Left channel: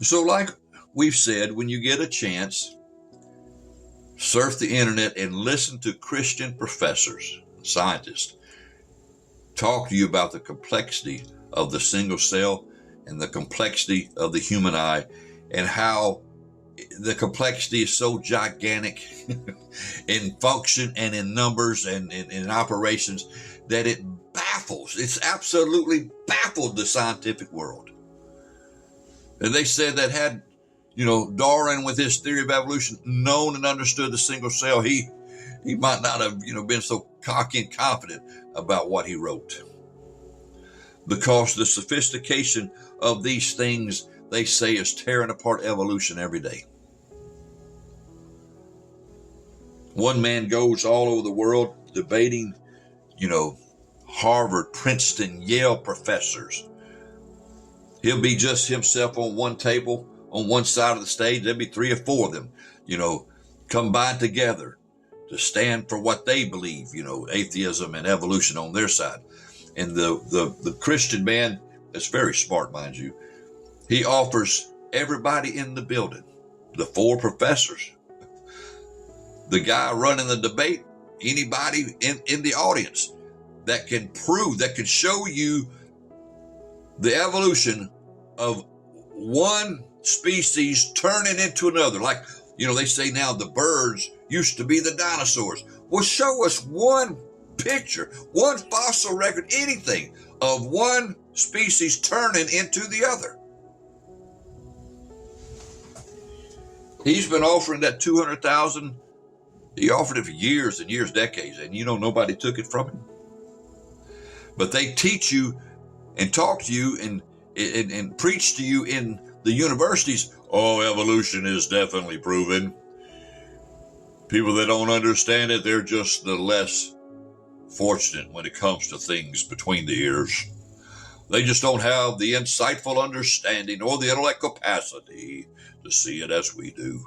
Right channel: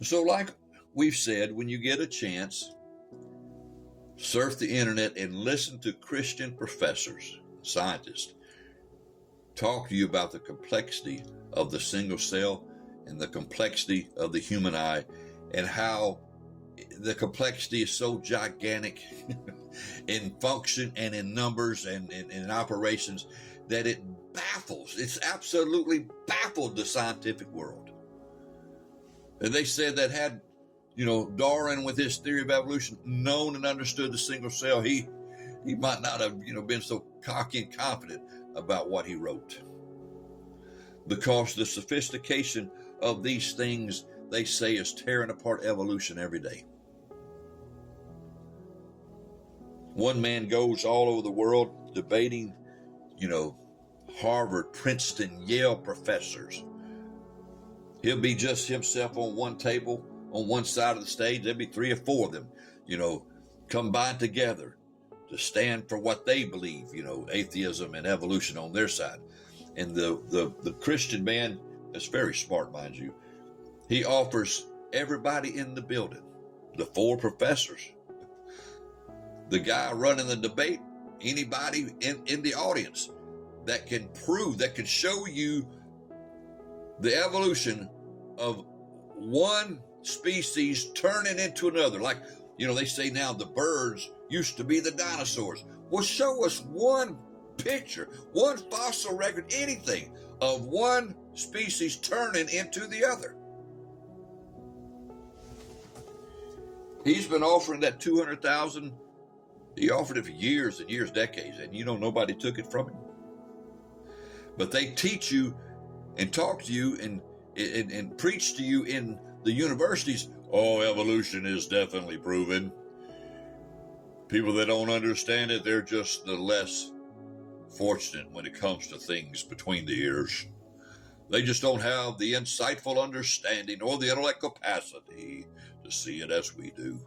So like we've said, when you get a chance, surf the internet and listen to Christian professors, scientists, talk to you about the complexity of the single cell and the complexity of the human eye, and how the complexity is so gigantic in function and in numbers and in operations that it baffles. It's absolutely baffled the scientific world. And they said that had, Darwin with his theory of evolution known and understood the single cell, he might not have, been so cocky and confident about what he wrote. Because the sophistication of these things, they say, is tearing apart evolution every day. One man goes all over the world debating, Harvard, Princeton, Yale professors. He'll be just himself on one table, on one side of the stage. There'll be 3 or 4 of them, combined together to stand for what they believe, atheism and evolution on their side. And the Christian man is very smart, mind you. He offers everybody in the building, the 4 professors, the guy running the debate, anybody in the audience that can prove, that can show you the evolution of one species turning into another. Like, they say now the birds used to be the dinosaurs. Well, show us one picture, one fossil record, anything of one species turning into the other. He's been offering that 200,000. He offered it for years and years, decades, and nobody took it from him. But they teach you and talk to you and preach to you in the universities, oh, evolution is definitely proven. People that don't understand it, they're just the less fortunate when it comes to things between the ears. They just don't have the insightful understanding or the intellect capacity to see it as we do.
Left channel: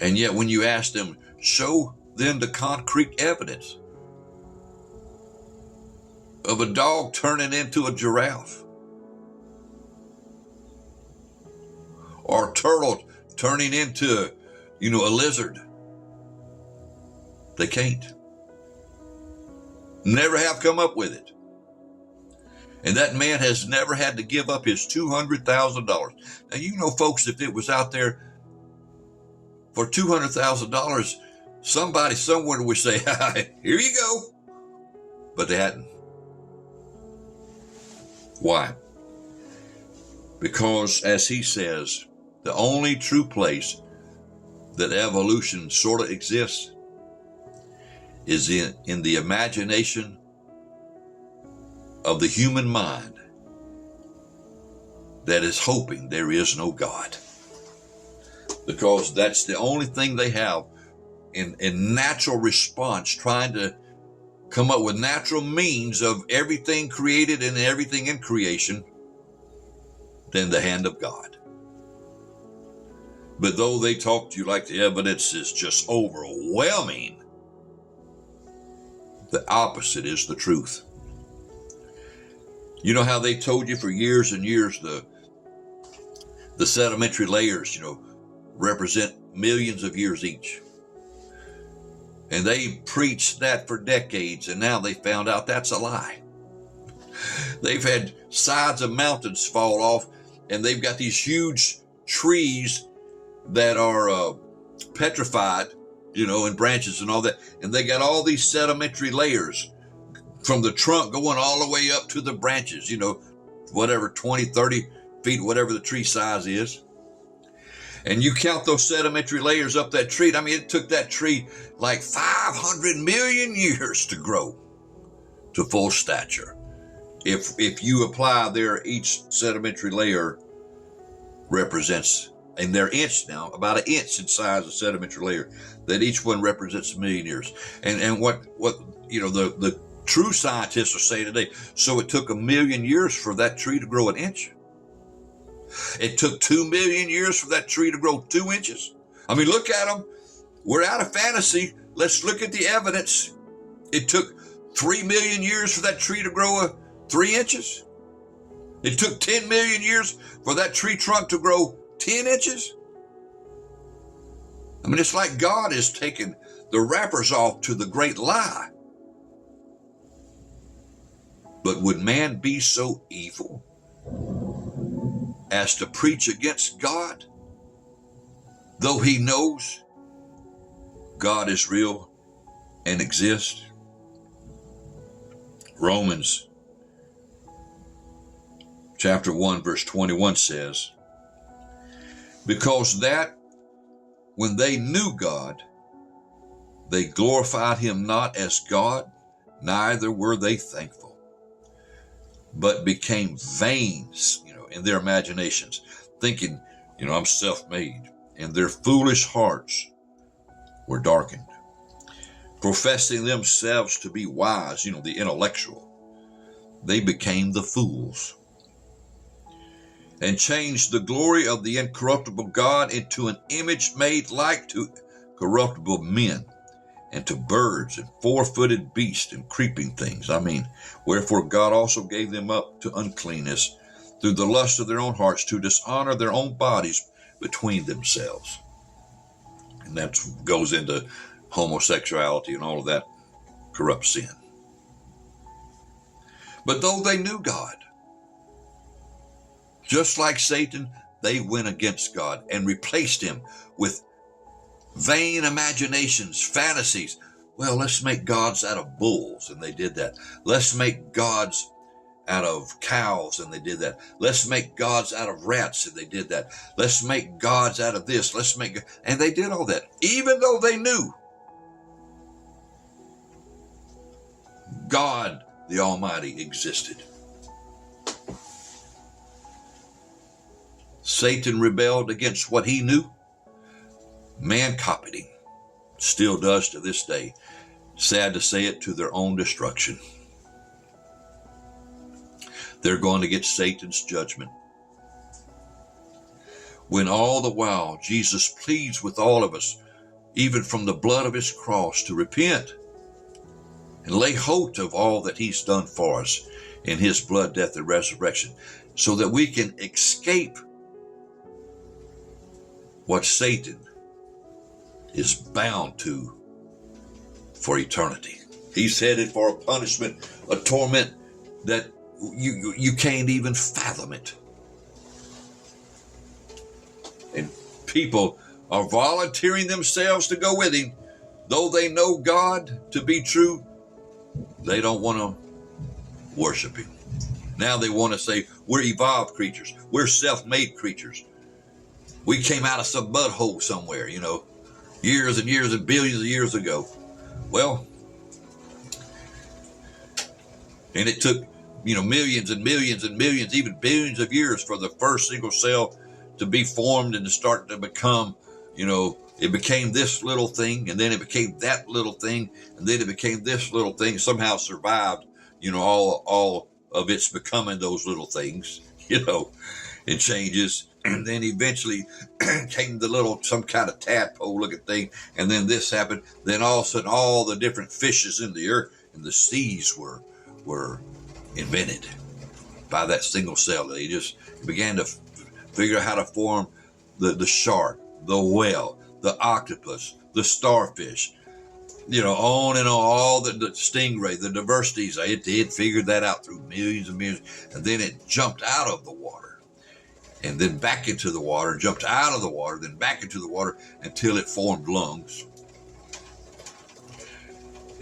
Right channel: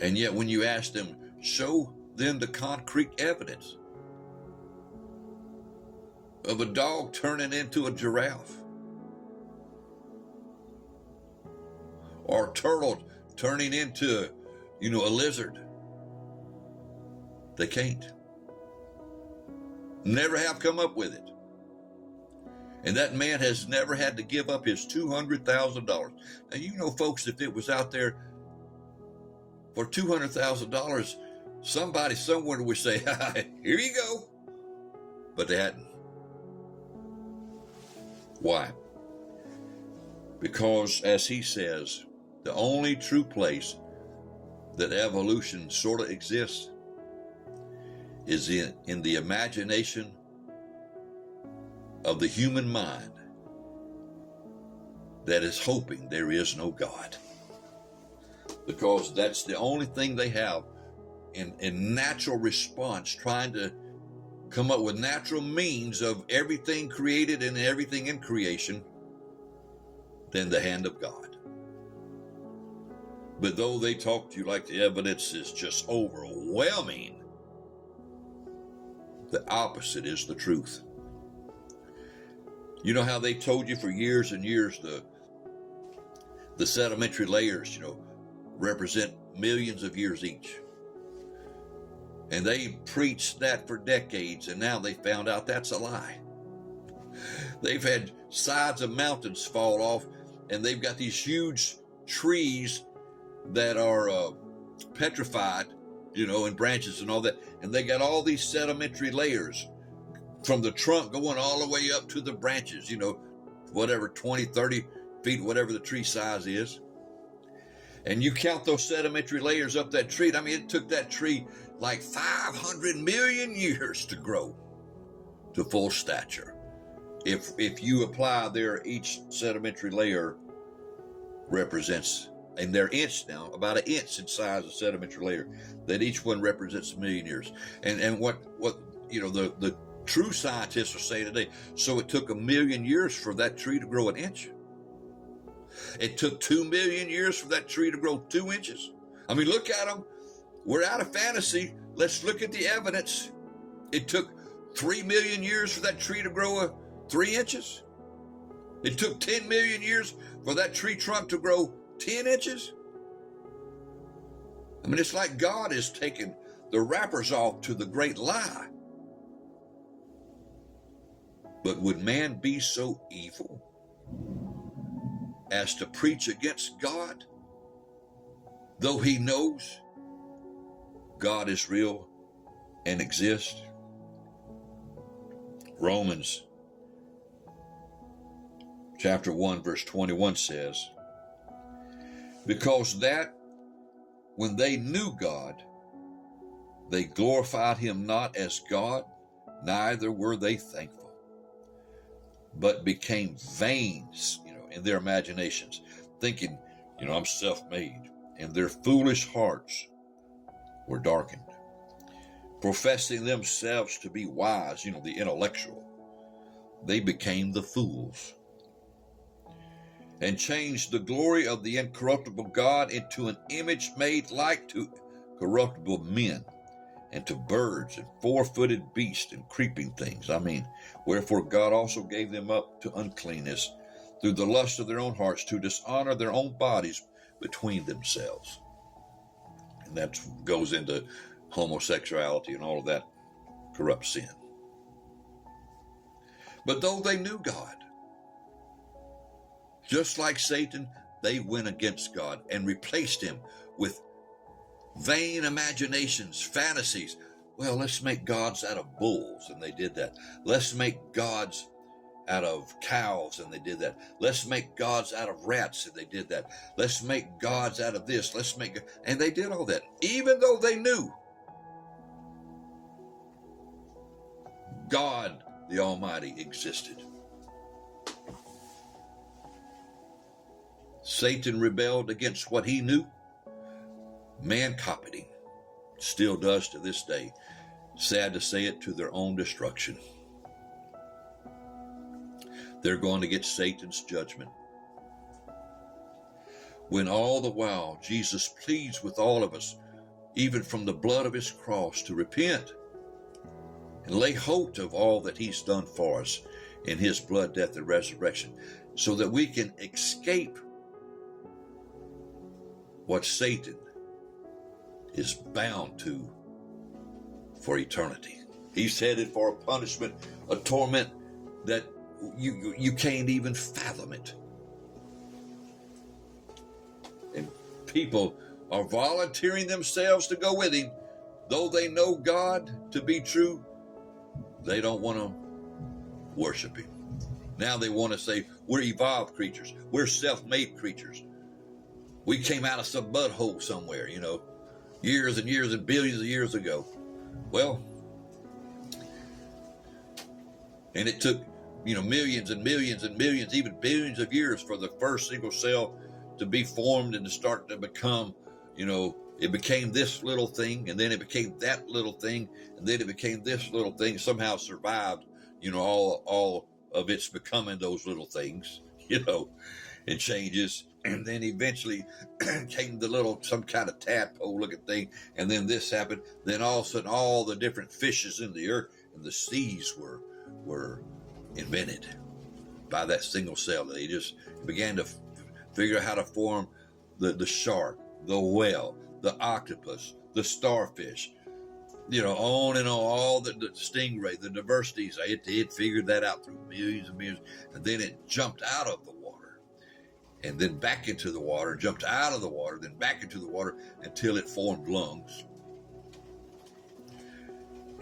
And yet when you ask them, show them the concrete evidence of a dog turning into a giraffe, or a turtle turning into, a lizard, they can't. Never have come up with it. And that man has never had to give up his $200,000. Now, folks, if it was out there for $200,000, somebody somewhere would say, here you go. But they hadn't. Why? Because, as he says, the only true place that evolution sort of exists is in the imagination of the human mind that is hoping there is no God. Because that's the only thing they have in natural response, trying to come up with natural means of everything created and everything in creation than the hand of God. But though they talk to you like the evidence is just overwhelming, the opposite is the truth. You know how they told you for years and years the sedimentary layers, represent millions of years each. And they preached that for decades, and now they found out that's a lie. They've had sides of mountains fall off, and they've got these huge trees that are petrified, and branches and all that. And they got all these sedimentary layers from the trunk going all the way up to the branches, whatever, 20, 30 feet, whatever the tree size is. And you count those sedimentary layers up that tree. It took that tree like 500 million years to grow to full stature. If you apply there, each sedimentary layer represents, and they're inch now, about an inch in size of sedimentary layer, that each one represents a million years. And what the true scientists will say today, so it took 1 million years for that tree to grow an inch. It took 2 million years for that tree to grow 2 inches. Look at them. We're out of fantasy. Let's look at the evidence. It took 3 million years for that tree to grow 3 inches. It took 10 million years for that tree trunk to grow 10 inches. I mean, it's like God is taking the wrappers off to the great lie. But would man be so evil as to preach against God, though he knows God is real and exists? Romans chapter 1 verse 21 says, because that when they knew God, they glorified him not as God, neither were they thankful, but became vain, in their imaginations, thinking, I'm self-made, and their foolish hearts were darkened. Professing themselves to be wise, the intellectual, they became the fools, and changed the glory of the incorruptible God into an image made like to corruptible men, and to birds and four-footed beasts and creeping things. Wherefore God also gave them up to uncleanness through the lust of their own hearts, to dishonor their own bodies between themselves. And that goes into homosexuality and all of that corrupt sin. But though they knew God, just like Satan, they went against God and replaced him with vain imaginations, fantasies. Well, let's make gods out of bulls, and they did that. Let's make gods out of cows, and they did that. Let's make gods out of rats, and they did that. Let's make gods out of this. And they did all that, even though they knew God, the Almighty, existed. Satan rebelled against what he knew. Man copied him. Still does to this day. Sad to say it, to their own destruction. They're going to get Satan's judgment. When all the while Jesus pleads with all of us, even from the blood of his cross, to repent and lay hold of all that he's done for us in his blood, death, and resurrection, so that we can escape what Satan is bound to for eternity. He's headed for a punishment, a torment that you can't even fathom it. And people are volunteering themselves to go with him, though they know God to be true. They don't want to worship him. Now they want to say, we're evolved creatures. We're self-made creatures. We came out of some mud hole somewhere, years and years and billions of years ago. Well, and it took, millions and millions and millions, even billions of years for the first single cell to be formed and to start to become, it became this little thing, and then it became that little thing, and then it became this little thing, somehow survived, all of its becoming those little things, it changes. And then eventually came the little, some kind of tadpole looking thing. And then this happened. Then all of a sudden, all the different fishes in the earth and the seas were invented by that single cell. They just began to figure out how to form the shark, the whale, the octopus, the starfish, on and on, all the stingray, the diversities. It figured that out through millions and millions. And then it jumped out of the water. And then back into the water, jumped out of the water, then back into the water until it formed lungs.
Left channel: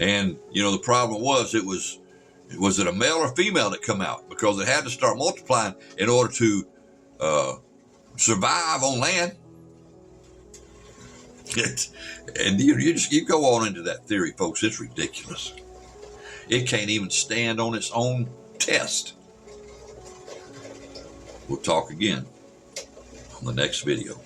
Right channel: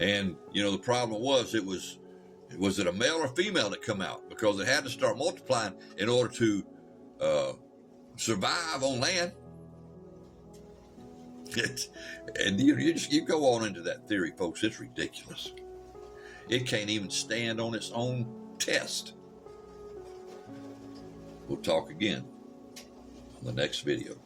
And, the problem was, was it a male or female that come out? Because it had to start multiplying in order to survive on land. And you go on into that theory, folks. It's ridiculous. It can't even stand on its own test. We'll talk again on the next video.